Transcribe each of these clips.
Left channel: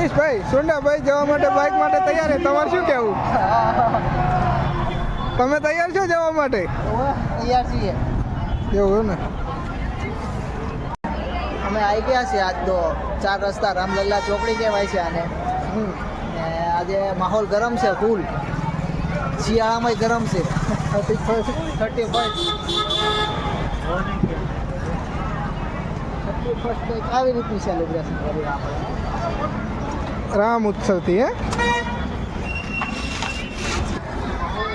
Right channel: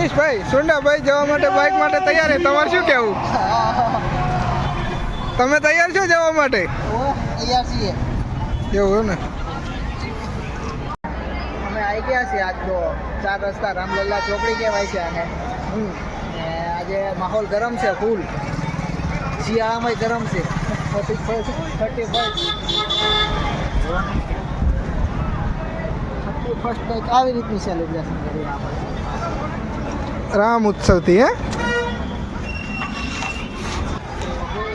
સતીશભાઈ સુંડાભાઈ જવા માટે બાઇક માટે તૈયાર છે, તમારે શું કહેવું? તમે તૈયાર છો જવા માટે? તૈયાર છીએ એવું ને? અમે આવી ગયા છીએ આજ તો 4 રસ્તા રામલલ્લા ચોકડી કહેવાય છે આને. ને આજે માહોલ ગરમ છે, ફૂલ શિયાળામાં ગરમ છે. 31st કંઈક આવી રીતનું સેલિબ્રેશન કર્યું આપણે રામ ઉત્સવથી. હે,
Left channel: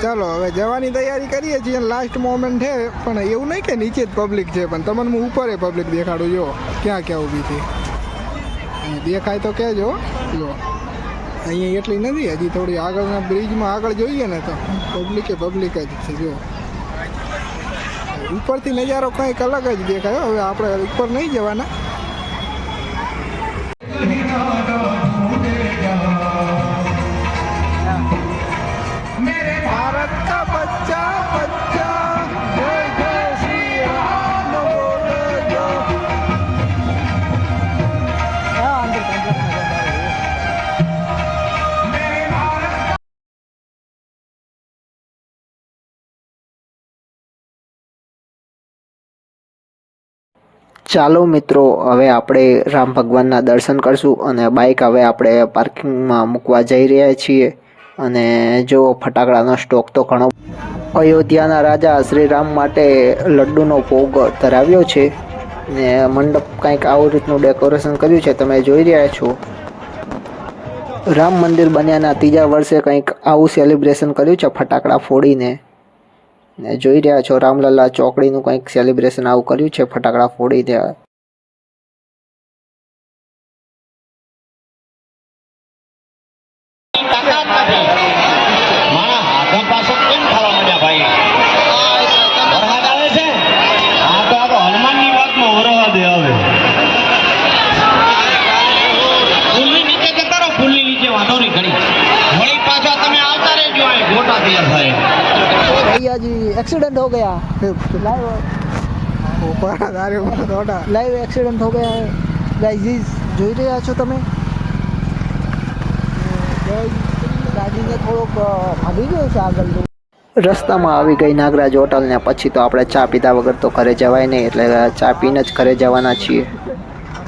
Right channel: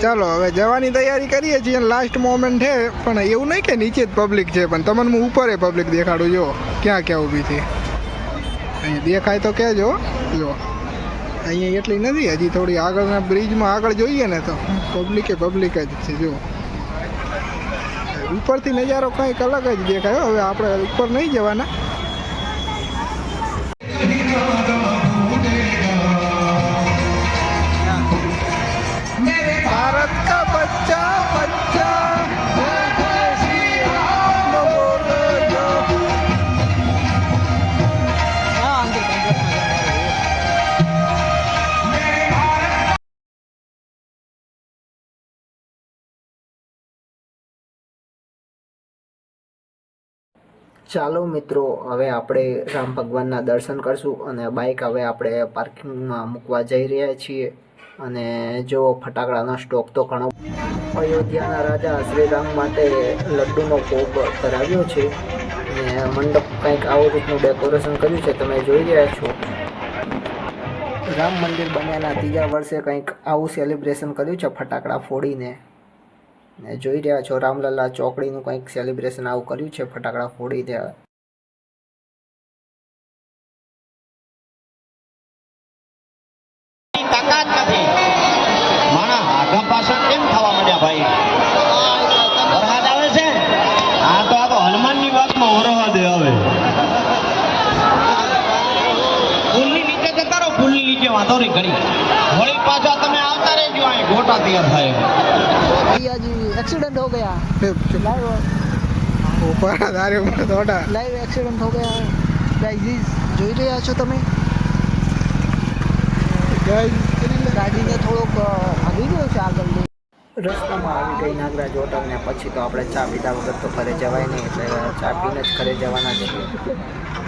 ચાલો હવે જવાની તૈયારી કરીએ છીએ. લાસ્ટ મોમેન્ટ છે, પણ એવું નહીં કે નીચે જ પબ્લિક છે, પણ તમને હું ઉપર પબ્લિક દેખાડું. જો ક્યાં ક્યાં ઊભી છે, અહીંયા દેખાય તો કહેજો. જો અહીંયા એટલી નથી, હજી થોડી આગળના બ્રિજમાં આગળ જોઈએ ને તો પબ્લિક જ છે. જો ઉપરથી નજારો કંઈક અલગ જ દેખાય. હવે આપણે ઉપર નહીં જવાના. भारत का बच्चा बच्चा ચાલો મિત્રો, હવે આપણે રામ ભગવાનના દર્શન કરશું અને બાઇક હવે આપણે પાર્કિંગમાં મૂકવા જઈ રહ્યા છીએ. અને જો ફટાકડાનો સ્ટોક તો ઘણો. અયોધ્યાના રાજા શ્રી રામ માટે લડ્ડુનો ભોગ ધરાવ્યો છે ને મંડપ કંઈક આવું રીતનું ડેકોરેશન કર્યું છે, તમે જોઈ રહ્યા છો. રામ મંદિર બન્યાના 3જા વર્ષે કંઈક આવું સેલિબ્રેશન કર્યું છે ફટાકડા ફોડીને. ને જોઈ રહ્યા છો રામલલ્લા ચોકડીનું કંઈક સેલિબ્રેશન આવું કર્યું છે ફટાકડા ફોડીને. તાકાત નથી મારા હાથા પાછળ કેમ થવા માંડ્યા ભાઈ? વરસાદ આવે છે. હા તો આ તો હનુમાનની વાતમાં વરવા દે. હવે ફૂલની નીચે જતા રહો, ફૂલની નીચે વાંધો નહીં ઘણી વળી પાછા તમે આવતા રહેજો. અહીં ગોટા તૈયાર થાય. भैया जी एक्सीडेंट हो गया, ઉપર દારે થોડા લાઈવ એક્સિડન્ટ हो गया है गाइस. જોઈ રહ્યા છો તમે, ગાડીને થોડોક ભાગી ગયો છે આગળ. રસ્તામાં આવી ગઈ નાગરાજ હોટલ ને પછી તો આપણે ચા પીધા વગર તો ઘરે જવાય નહીં, એટલે ચા પીને જ ઘરે જવાના છીએ.